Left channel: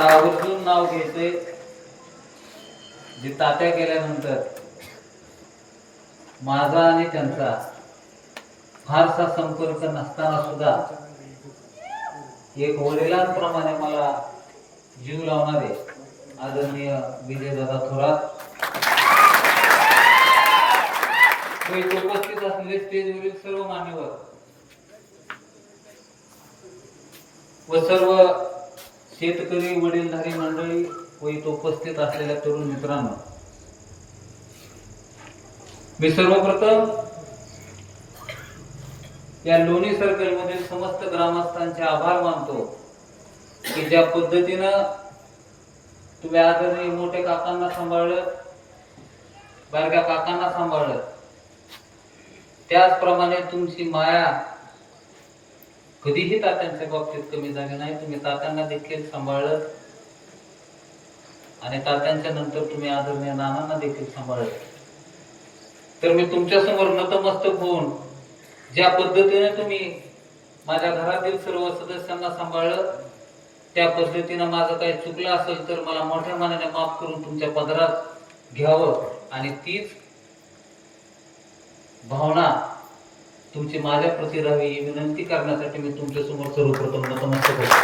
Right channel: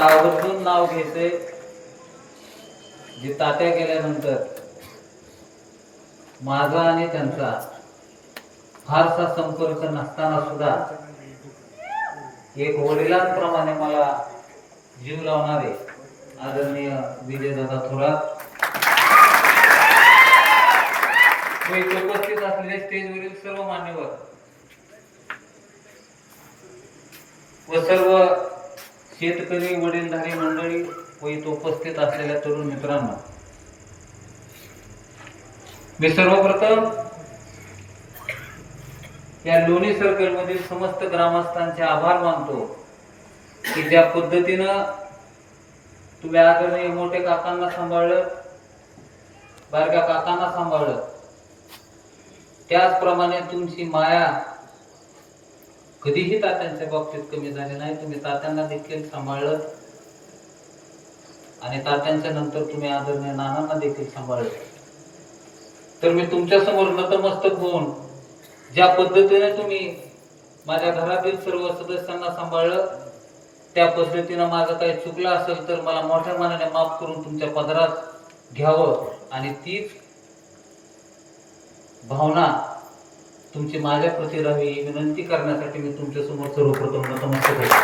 आवर्जून नाव घ्यायचंय जी तात्या केल्यानंतर माझा आणि त्यांचा फारसा संपर्क नसताना सुद्धा एक वडिलांप्रमाणे मला जीव लावणारे आदरणीय विजयदादा थोरात उपस्थित असलेले स्टेजवरील सर्व मान्यवर व सर्व शेतकरी वडीलधारी मंडळी व इथं उपस्थित असलेल्या तरुण मित्रांनो. मी सर्वप्रथम या लोणी सर्कल मधील समस्त ग्रामस्थांचे आभार मानतो की ज्या पद्धतीनं तुम्ही आदरणीय मोठे काकांना सांभाळलं बारक्या काकांना सांभाळलं. त्याचप्रमाणे तुमची माया कधीही तात्यांच्या बाबतीत कमी झाले नाही. तुम्ही तात्यांना देखील सांभाळलं. आणि तात्यांच्या नंतर तुम्ही आदरणीय नानांना देखील सांभाळलं. तर मी तुमच्यासमोर नतमस्तक होऊन ज्या पद्धतीने तुम्ही माझ्या घरातील सर्व सदस्यांना सांभाळलं त्या पद्धतीनं माझं काही चुकलं असेल तर मला मोठ्या मनाने माफ करून तुमच्या पदरात घ्यावं. आणि तीच भावना तुमची माझ्या प्रती रवी विनंती करण्यासाठी मी तुमच्यासमोर सर्वप्रथम नतमस्तक होतो.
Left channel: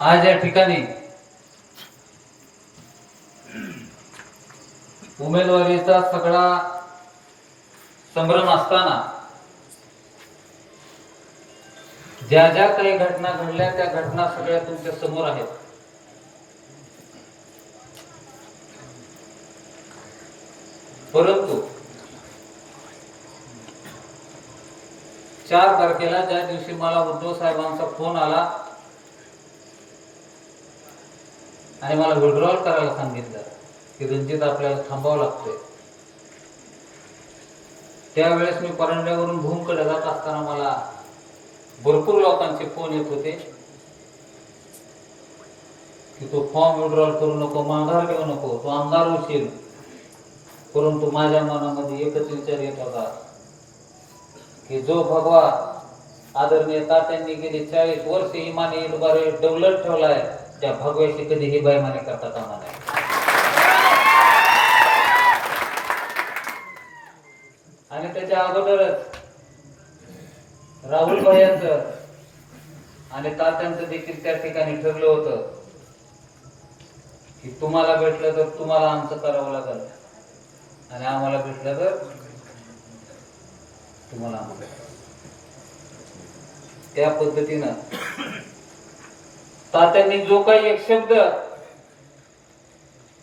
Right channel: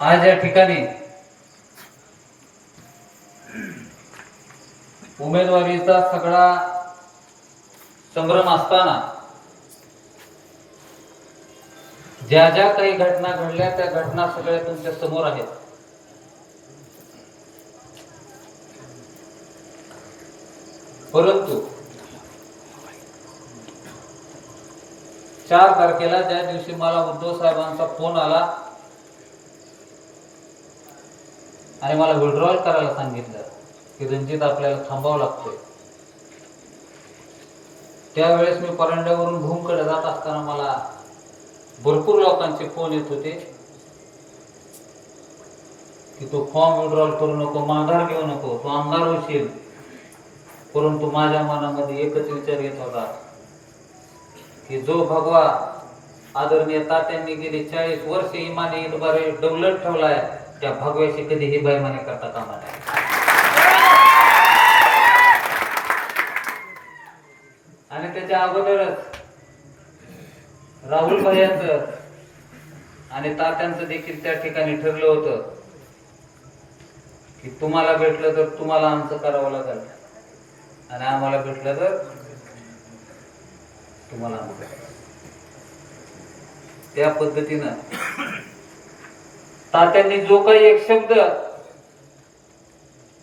आज या ठिकाणी उमेदवारीचा सगळा संभ्रम असताना ज्या ज्या काही घटना घडल्या त्या घटना सगळ्या तुमच्यासमोर आहेत. परंतु चार तारखेला ज्या दिवशी मला उद्धव साहेबांचा फोन आला आणि मला विड्रॉल करायला सांगितलं की रणजित आपल्याला थांबावं लागतंय. त्यावेळेस मी परांड्यावरून भूमकडे जात असताना मला भरपूर लोकांचे फोन येत होते की तो फॉर्म विड्रॉल करू नको माघार घेऊ नको तो आमदार होशील. परंतु माझ्या मनामध्ये एकच विचार येत होता की जो भगवा आदरणीय तात्यांनी गेली चाळीस वर्ष इमाने इतबारे डवलत ठेवलाय त्या भगव्याशी कधी ही बैमाने करता कामा नये. आणि त्याच्या अगोदरच राहुल यांचं आणि तात्यांचं देखील त्या ठिकाणी ठरलं होतं की तुम्हाला भेटलं तर तुम्हाला आमचं करावं लागेल. आणि आम्हाला भेटलं तर तुम्हाला आमचं त्या पद्धतीनं तात्यांनी जो काही एक शब्द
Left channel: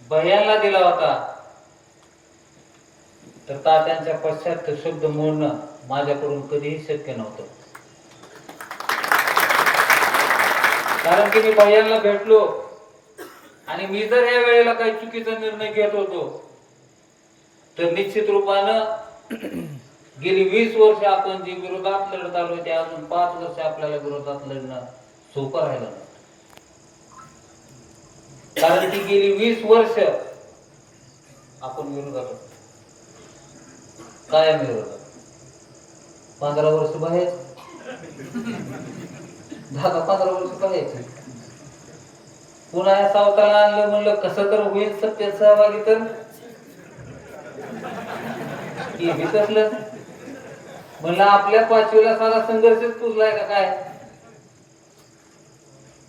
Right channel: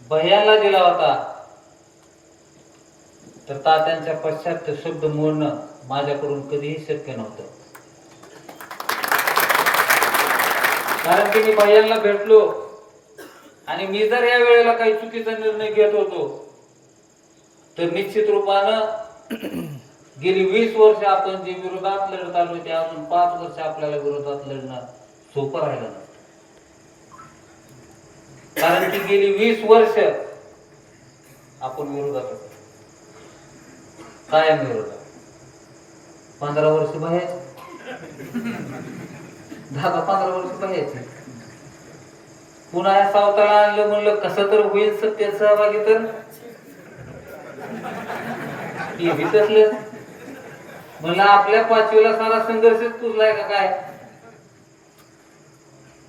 भयांना दिला होता तर तात्यांच्या पश्चात शब्द मोडणं माझ्याकडून कधीही शक्य नव्हतं. कारण की मी भैयांना भेटलो आणि मी जर या वेळेला काही चुकीचा निर्णय घेत होतो तर निश्चित रूपानं गेली वीस वर्ष आपण जे विरोधात लढत आलो ते अजून पाच वर्ष आपल्याला विरोधात लढणं सोपं राहिलं कारण की गेली वीस वर्ष आपण विरोधात काय कायम पंधरा वर्ष बाहेर. दहा पंधरा वर्ष बाहेरचे पुन्हा या सावताला आणलं म्हणलं कसं तर होईल सत्य सहभागी तर? हे विसरलं म्हणलं आपल्या पाचवीला सारा संघर्षच पुजलाय का काय?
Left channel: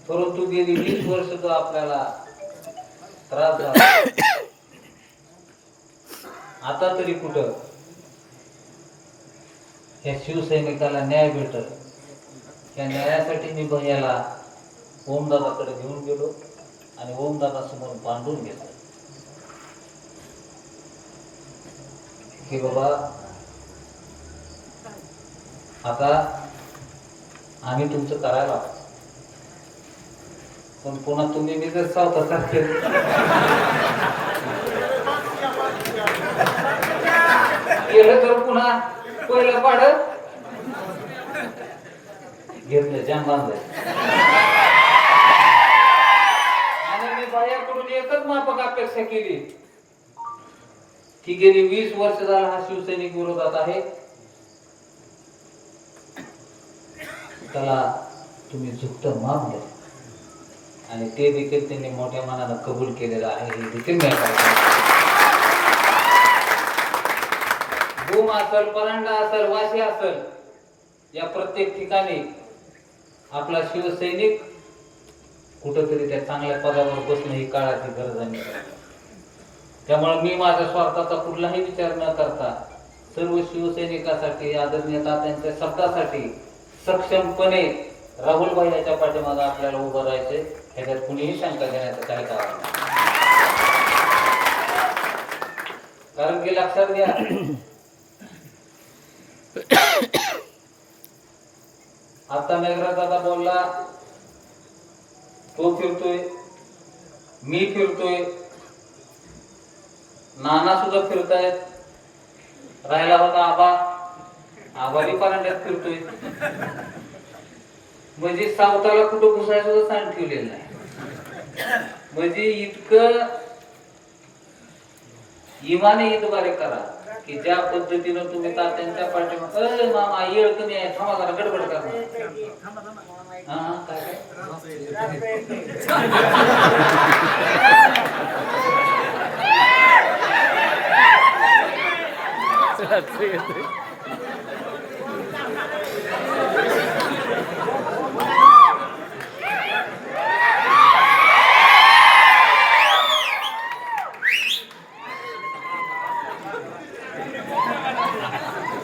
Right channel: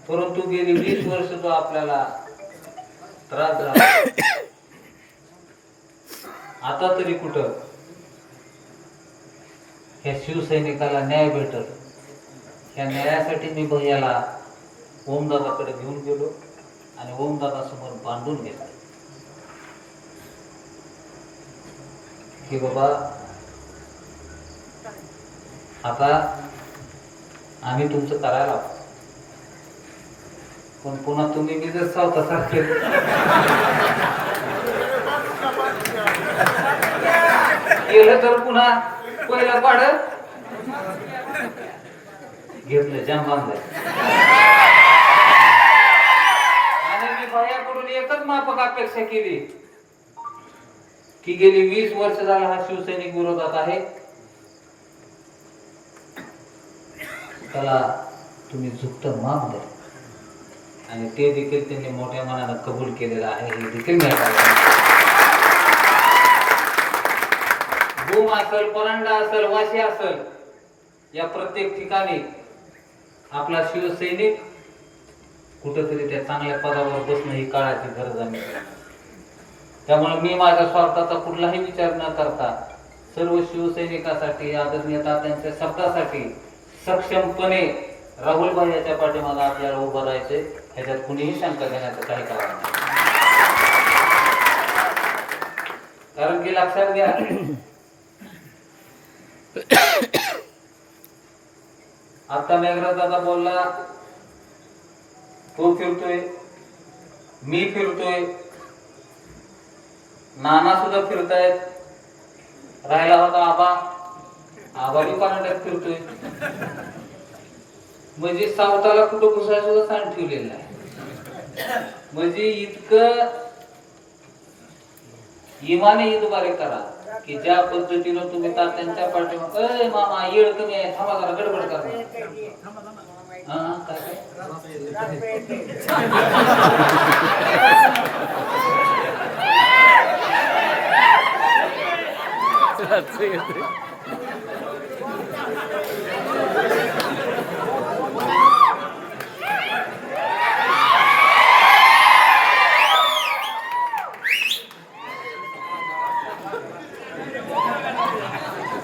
परंतु गेली वीस वर्ष तो आपल्याला त्रास झाला. आता तरी कुठं? या शिवसैनिकाला न्याय भेटल. त्या न्यायासाठी मी भैयाला ओमदादाकडे घेऊन गेलो आणि ओमदादासमोर बांधून घेतलं. की बाबा आता आम्ही तुमचं करायला पण पुन्हा तुम्ही मी जर सारखे केलं तर पुन्हा पहिलं पाड. घेतलं जाम बांधलं. आणि मी बायाकडून एकच माफक अपेक्षा केली. की गेली वीस वर्ष झाला हा शिवसैनिक विरोधात आहे. त्याला तुम्ही झुकत माप द्या. आणि ते देखील त्यांनी मोठ्या मनानं कबूल केलेलं आहे हे देखील मी ऐकायला भूम असल परांडा असल वाशी असल या प्रत्येक ठिकाणी आपला शिवसैनिक कुठंतरी त्या चांगल्या पदावर बसणं ही काळाची गरज आहे. त्यामुळे मी माझ्या स्वार्थाचा कुठलाही विचार न करता सर्व शिवसैनिकासाठी आदरणीय तात्यांच्या शब्दासाठी सक्षमपणे राहुलभाई याच्या पाठीमागे आपल्याला उभं राहायचे ह्याच्यात कुणीही शंका देण्याचं काही कारण नाही. कारण की लक्षात घ्या आता मेघराज दादा बोलला तो फिरतोय मी फिरतोय नाना सुद्धा फिरतायत राहिला होता आबा आबाही परांड्यात फिरतोय. म्हणजे सावताला कुठं घुसायचं सुद्धा सांग ठेवलेलं नाही. म्हणजे इतकं इमाने इतबारे करा. की ज्या पद्धतीनं तुम्ही तात्यांच्या पाठी अरे मामा येळ कमी आहे. थांबा जरा गडबड करणार हा काय काय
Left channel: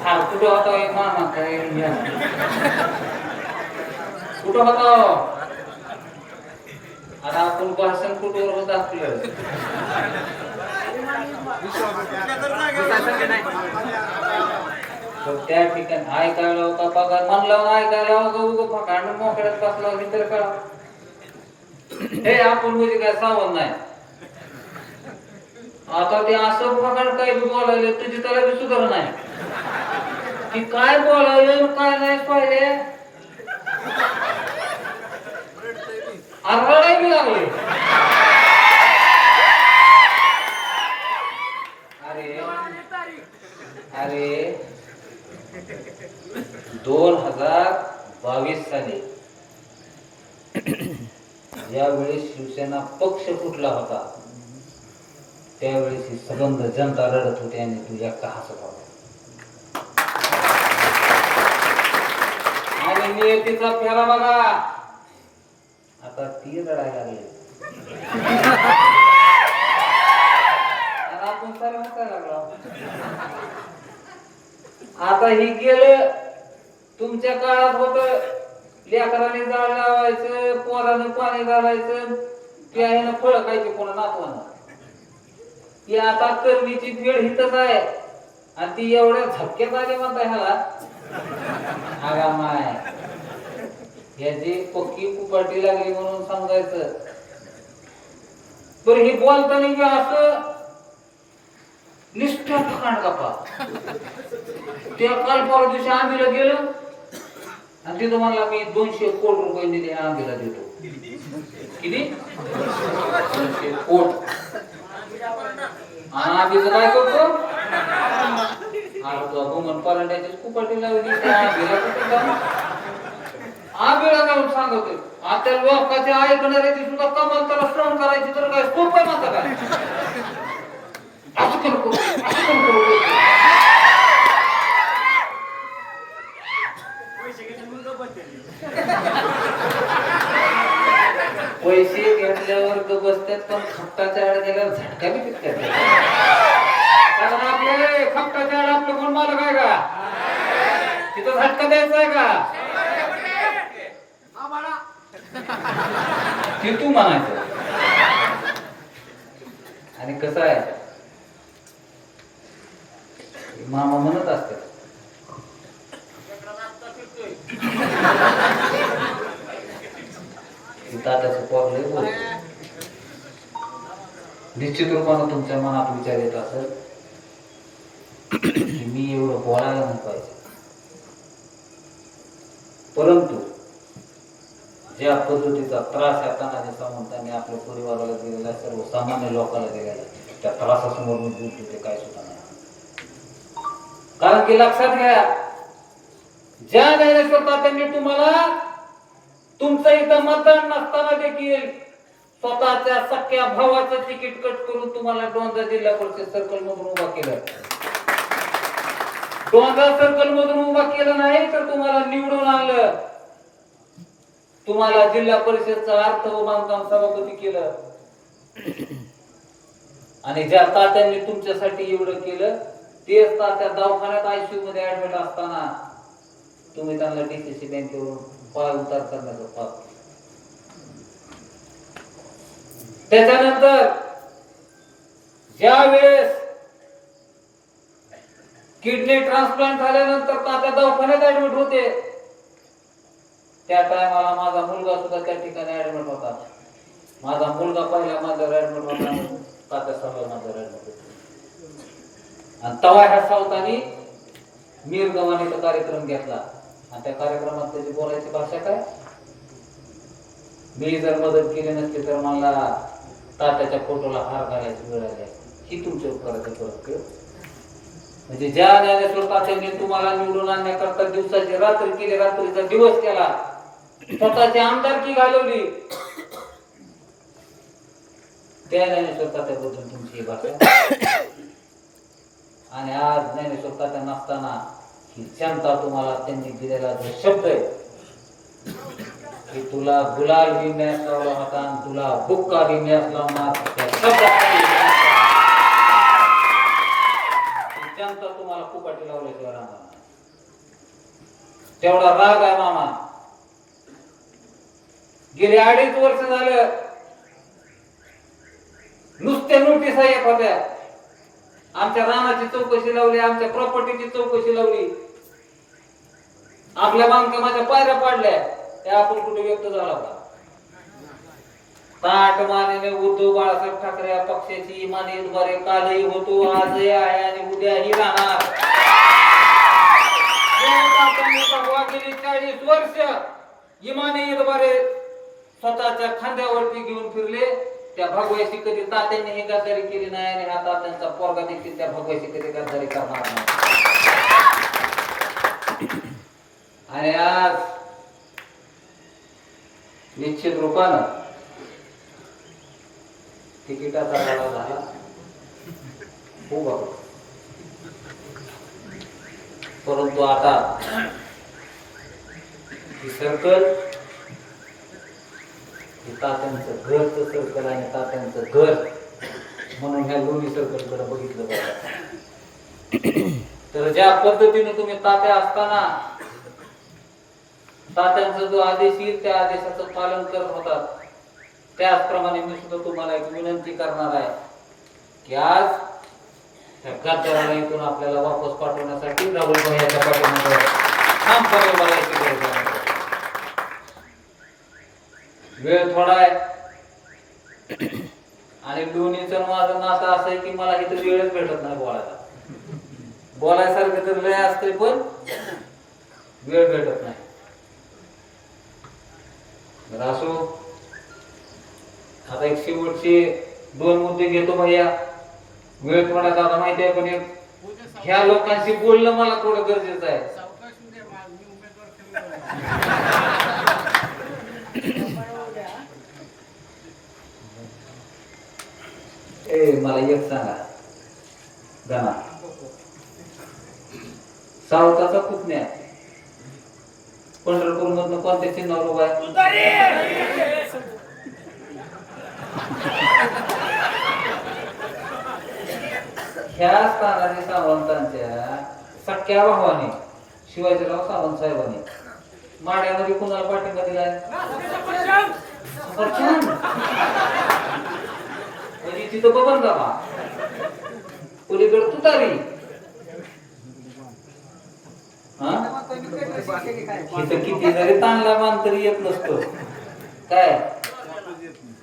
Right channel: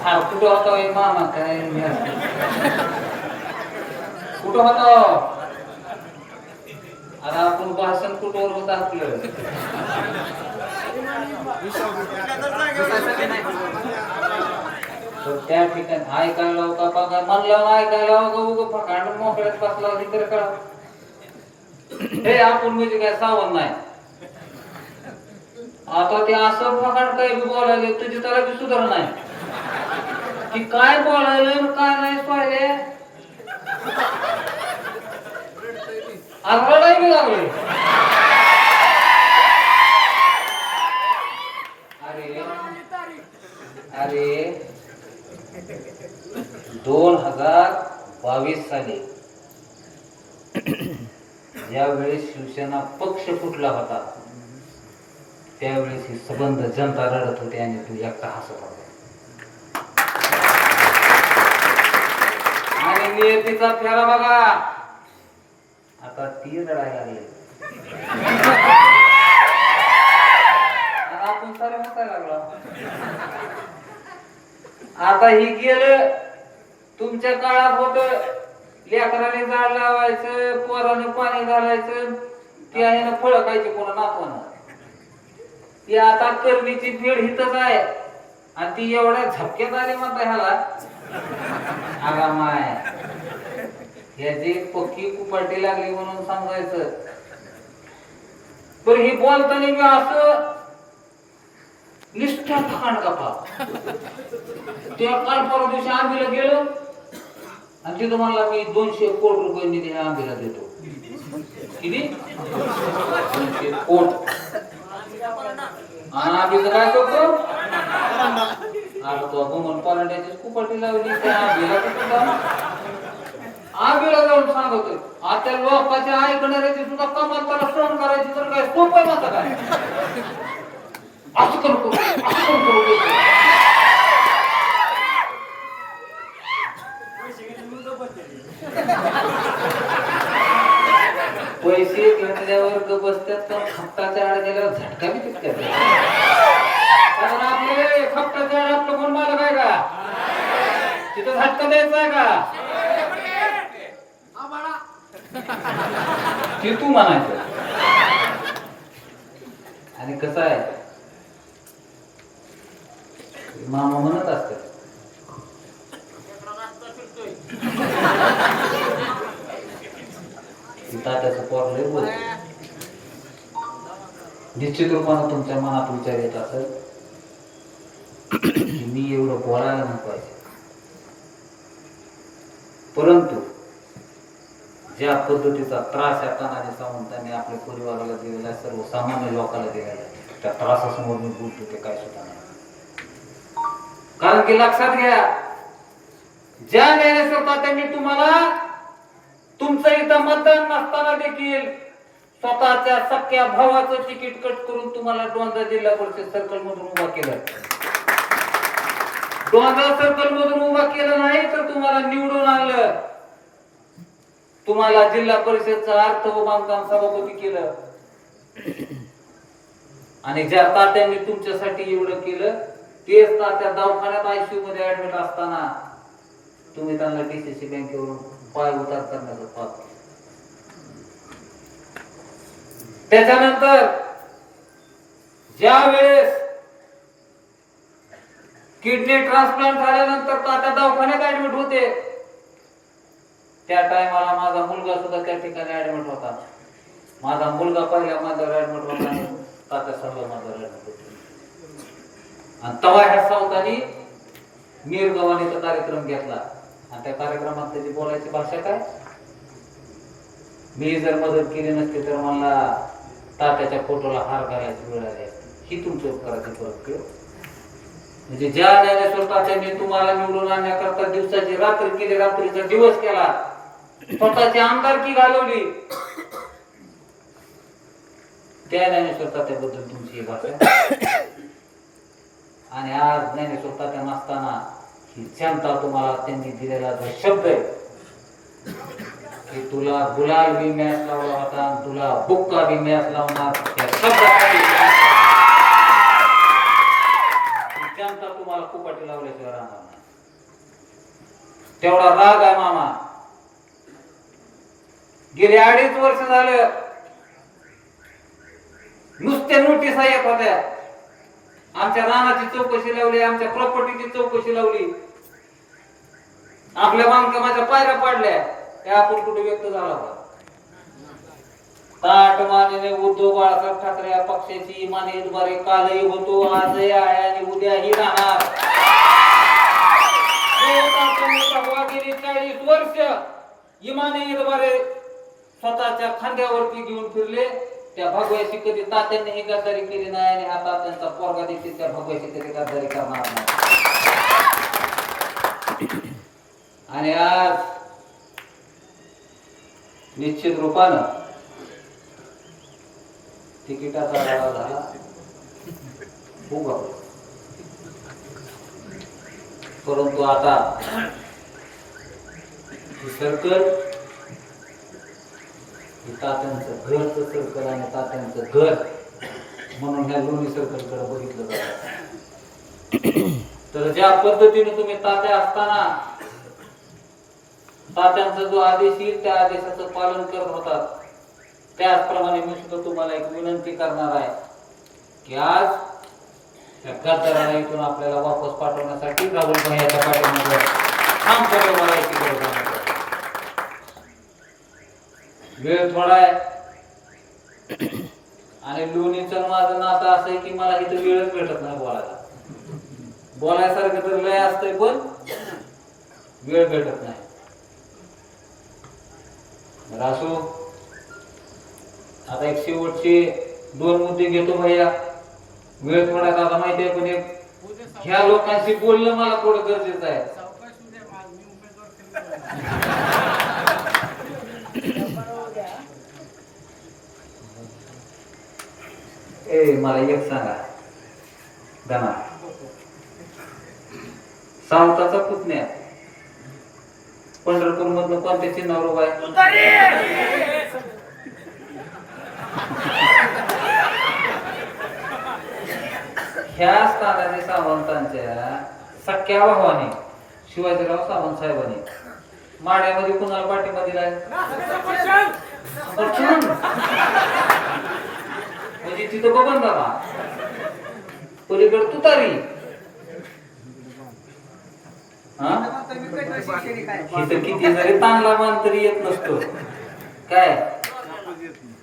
हा कुठं होता होय मामा काय या. कुठं होता? अरे आता आपण भाषण कुठवर होत आपलं? तर त्या ठिकाणी ऐकायला होता बघा म्हणला ऐकायला होता उगं फकांड मोकळ्यात बसला होती तर कळा हे आपण म्हणजे काय सावध नाही. आता ते असं फकांड काय बी बोलायला तुझी त्याला बी सुधार नाही. की काय बोलायला काय नाही पाहिले? अरवडाय बी अरे अरे दोन हजार बावीस साली ज्यावेळी शिवसेना पक्ष फुटला होता. त्यावेळेस ही सबंध जनता रडत होती आणि तू एकटा हसत होता. आणि नियतीचा फेरा बघा. आता ती रडायला लागली. आपण सारे हसायला लागलो. आता ही गेलं तुमच्या काळात होत लेकराने झाड लावायचं पोराने पाणी घालायचं ती आहे ना फळ खायचे कोणा नातवानं ती आता करणीची भीड हितच आहे. आणि ती एवढ्या झपक्यात आली म्हणता ह्याला. आगा माय. याची पक्की कुपाटी लागली म्हणून सांगायचं. पण हे बोलताना मी असं निष्ठा ठिकाण कापा. त्या काल परवा दिवशी आंबीला गेलो आणि तिथं म्हणला मी दोनशे कोट रुपये निधी आंबीला देतो. किती? दोनशे कोट. आणि आंबीचं काय करतो? अरे तो भूमन परांड्याची कुपाटी लावली. त्या आंबीला कुठं जाऊन आंबीला जाऊन सांगतो आता लोकांच्या ऐकणाऱ्याची सुद्धा कमाल त्याला श्रवण करायची तर काय सोपं आहे माझं काय? असं करू करू असं करू करू पैसे घेतल्यावर ग बसतात पण खपटाच्या आड गेल्यावर झटका बी तितका कारण आपले खपटाच्या आड आपलं कोण मालक आहे का? तिथं झटका द्यायचा आहे का? ते तू म्हणायचं. आणि कसं आहे? मामा म्हणत असत. तात्याचं पोर लय बोल निश्चित रूपानं तुमच्या मनात विचार येत असत मी एवढं बोलायला नको पाहिजे परंतु ज्या पद्धतीचा त्रास या तानाजी सावंतांनी आपल्या परिवाराला दिलेला आहे सर्वसामान्य लोकांना दिलेला आहे. त्या त्रासासमोर मी बोलतो ते काय सुद्धा नाही. कारण की लक्षात घ्या ज्या ज्ञानेश्वर तात्यांनी तुम्हाला तुमचं इथं मतदान नसताना देखील स्वतःच्या सख्या भावाचं तिकीट कट करून तुम्हाला डोंजा जिल्हा परिषद सर्कल मधून उभा केलं. डोंजा सर्कल मधून उभा केलं नाही तर तुम्हाला निवडून आणलं. तुम्हाला जिल्हा परिषदचं अर्थ व बांधकाम सभापती केलं. आणि ज्या तात्यांनी तुमच्यासाठी एवढं केलं तेच तात्या दवाखान्यात आयसीयू मध्ये ऍडमिट असताना तुम्ही त्यांना डीसीसी बँकेवरून पाय उतार करण्याचं पाप त्याच्यानंतर ज्या वेळेस किडनी ट्रान्सप्लांट झाल्यानंतर तात्या दवाखान्यात ऍडमिट होते त्या टायमाला माझा मुलगा सुद्धा त्या ठिकाणी ऍडमिट होता. माझा मुलगा पहिल्या माझ्यावर ऍडमिट होता तात्या सर्व माझ्यावर ऍडमिट होते. आणि तवा ह्या सावतानी मीरगव्हाने तो कार्यक्रम घेतला. आणि त्या कार्यक्रमात त्याची बोलायची भाषा काय? मी जर मदत केली नसती तर मला तात्याच्या फोटोला हार घालायची वेळ आली ही तुमच्या उपकाराची परत म्हणजे ज्या ज्ञानेश्वर तात्यांनी तुम्हाला निवडून आणण्याकरता दिवसाची रात्र केली रात्रीचा दिवस केला स्वतःची आमदारकी घालवली? त्या ज्ञानेश्वर तात्याबद्दल तुमची ही भाषा आणि आज ज्ञानेश्वर तात्या नसताना ही जनता तुम्हाला त्यांनी दिलेला जो शब्द आहे की तुला गुलाल बी मॅच लावला होता आणि तुला बुक्का बी मॅच लावणार. त्या जनता तुम्हाला कुपाटी लावल्याशिवाय राहणार तेवढा राग आहे मामा. गेले अडीच वर्ष झालं. नुसत्या नोटिसा येत होत्या आमच्या रानाची चौकशी लावली आमच्या प्रॉपर्टीची चौकशी लावली. आपल्या बांधकामाच्या पायऱ्या पाडल्या. त्या आपण कुठे व्यक्त झाला होता? ताट मानेने उद्धव बाळासाहेब ठाकरे पक्षाची इमानी द्वारे कालही होतो आजही आहे आणि उद्याही राहणार. गेली चाळीस वर्ष इमानी द्वारे स्वतःच्या खांद्यावरती घेऊन फिरले. त्या भगव्याशी कधी तात्यांनी ही गद्दारी केली नाही आणि हा तात्यांचा पोरगा देखील त्या भगव्याशी कधी गद्दारी करणार नाही. आणि आज निश्चित रूपानं तिकिटाचा लढा झाला. हो परंतु आता ही सर्कल हे तात्यांचं घरचं सर्कल आणि तात्यांचं घर. म्हणून ह्या लोणी सर्कलकडे बघितलं जातं. तर ज्या पद्धतीने तुम्ही तात्या असताना तात्यांचा जो आदेश येईल त्या आदेशाचं पालन करत होतात. त्याचप्रमाणे मी सुद्धा तुम्हाला एक विनंती करणार आहे की आज त्या गद्दाराला इथून आपल्याला वापस पाठवण्यासाठी राहुल भैयाच्या पाठीमागे ठामपणे बोलायची गरज आहे वेळ थोडा आहे. आणि लोणीचं माझं नातं असं आहे की मला इथं वेळच भेटत नाही बोलायला. बोलायसारखं तर लय असतंय पण वेळ भेटत नाही. बरं असो. आता एक शेवटचे दोन मुद्दे घेतो भैया. वेळ थोडा आता माहिती आहे पण एक ह्या लोकांशी बोलणं मला थोडं गरजेचं आहे. ए मला एक सांगा धना सावताचा पुतण्या पंढरपूर मधनं कोणत्या चिन्हावर उभा आहे ह्या स्थानाने सावंतांच्या सख्या भावाने शिवाजीराव सावंत साहेबांनी माड्यामध्ये कुणाला पाठिंबा दिलाय. म्हणजे तिथं बबन जा पलीकडे तुतारी इथं किती जरी ताणला मान तरी येत नसतो. काय?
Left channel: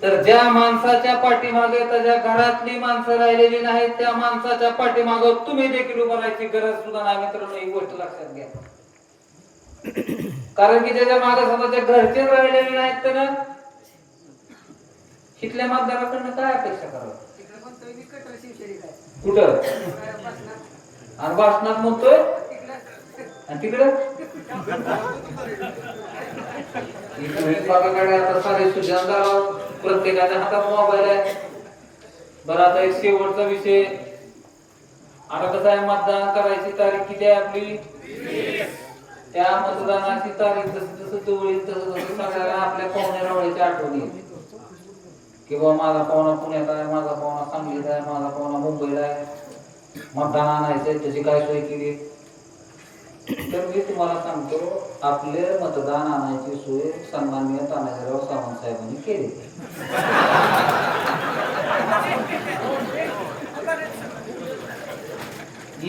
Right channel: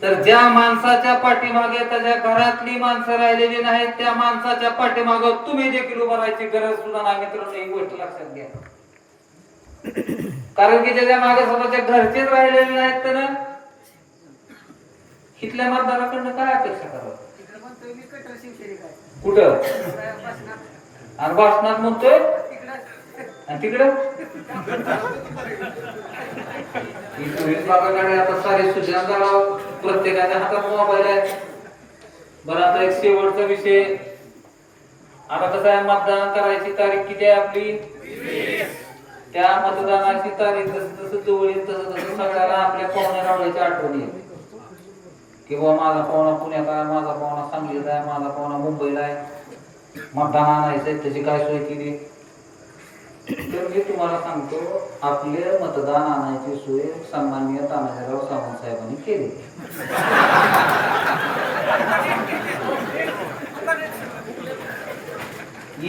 तर ज्या माणसाच्या पाठीमागे त्याच्या घरातली माणसं राहिलेली नाहीत त्या माणसाच्या पाठीमागे तुम्ही देखील उभं राहायची गरज सुद्धा नाही मित्रांनो ही गोष्ट लक्षात घ्या. कारण की त्याच्यामागे स्वतःच्या घरचेच राहिलेले नाहीत तर इथल्या मतदाराकडनं काय अपेक्षा करावं कुठं? आणि भाषणात म्हणतोय? आणि तिकडे? बाबाकडे आता सारे सुजान प्रत्येकाच्या हातात मोबाईल आहे. बरं आता एक शेवटचा विषय. आता कसं आहे मतदान करायची तारीख किती आहे आपली? त्या मतदानाची तारीख जसं जसं जवळ येईल तसं तसं सगळ्याला आपल्या पाहुण्या रावळ्याची आठवण. येईल किंवा माझा पाहुणा पुण्यात आहे माझा पाहुणा सांगलीत आहे माझा पाहुणा मुंबईला आहे. मतदान आहे त्याची काय सोय केली? तर मी तुम्हाला सांगतो आपले मतदान आणायची सोय सन्मान्य तानाजीराव सावंत साहेबांनी केली.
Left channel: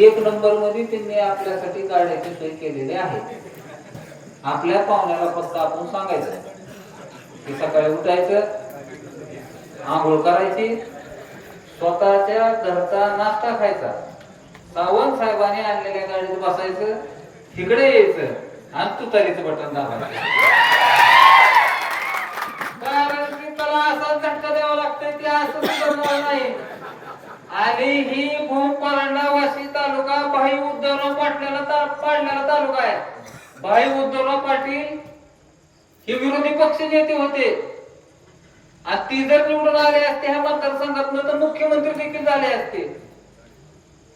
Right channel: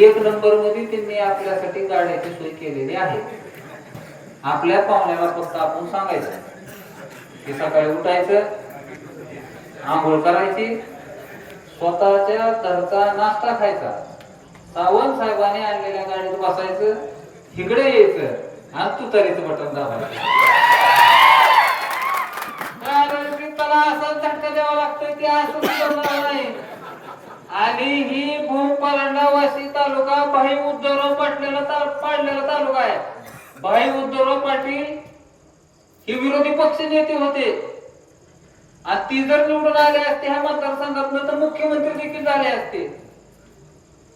एक नंबरमध्ये त्यांनी आपल्यासाठी गाड्याची सोय केलेली आहे. आपल्या पाहुण्याला फक्त आपण सांगायचं की सकाळी उठायचं आंघोळ करायची? स्वतःच्या घरचा नाश्ता खायचा. सावंत साहेबांनी आणलेल्या गाडीत बसायचं इकडे यायचं आणि तुतारीचं बटन दाबायचं. त्याला असा झटका द्यावा लागतोय की असं नाही. आणि ही भूम परांडा वाशी तालुका भाई उद्धवराव पाटलेला ता- पाडलेला तालुका आहे. भाई उद्धवराव पाटील हे विरोधी पक्ष नेते होते. आणि ती जर निवडून आले असते ह्या मतदारसंघातून तर मुख्यमंत्री देखील झाले असते.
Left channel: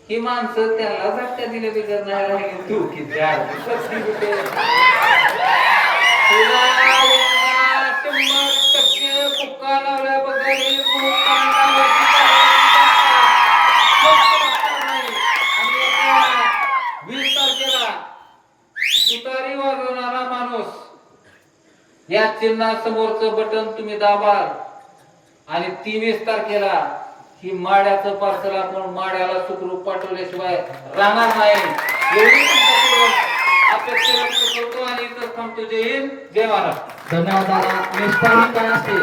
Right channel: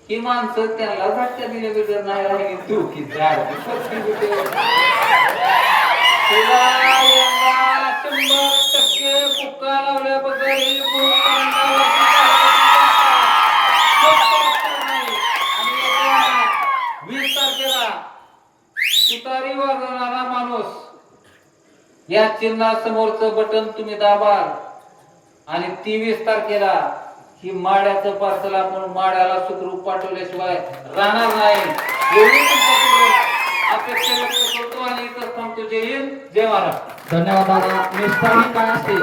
ही माणसं त्याला झटक्या दिले बिगर नाही राहिली. तू की शंभर टक्के फुक्का लावल्याबद्दल आणि वीस तारखेला तुतारी वाजवणारा माणूस या चिन्हा चिन्हासमोरचं बटन तुम्ही दाबाल. आणि तेवीस तारखेला ही माड्याचं पार्सल आपण माड्याला सुखरूप पाठवल्याशिवाय राहणार नाही. एवढी अपेक्षा व्यक्त करतो आणि इथं थांबतो. जय हिंद. जय महाराज धन्यवाद दादा. निष्ठाही काय असते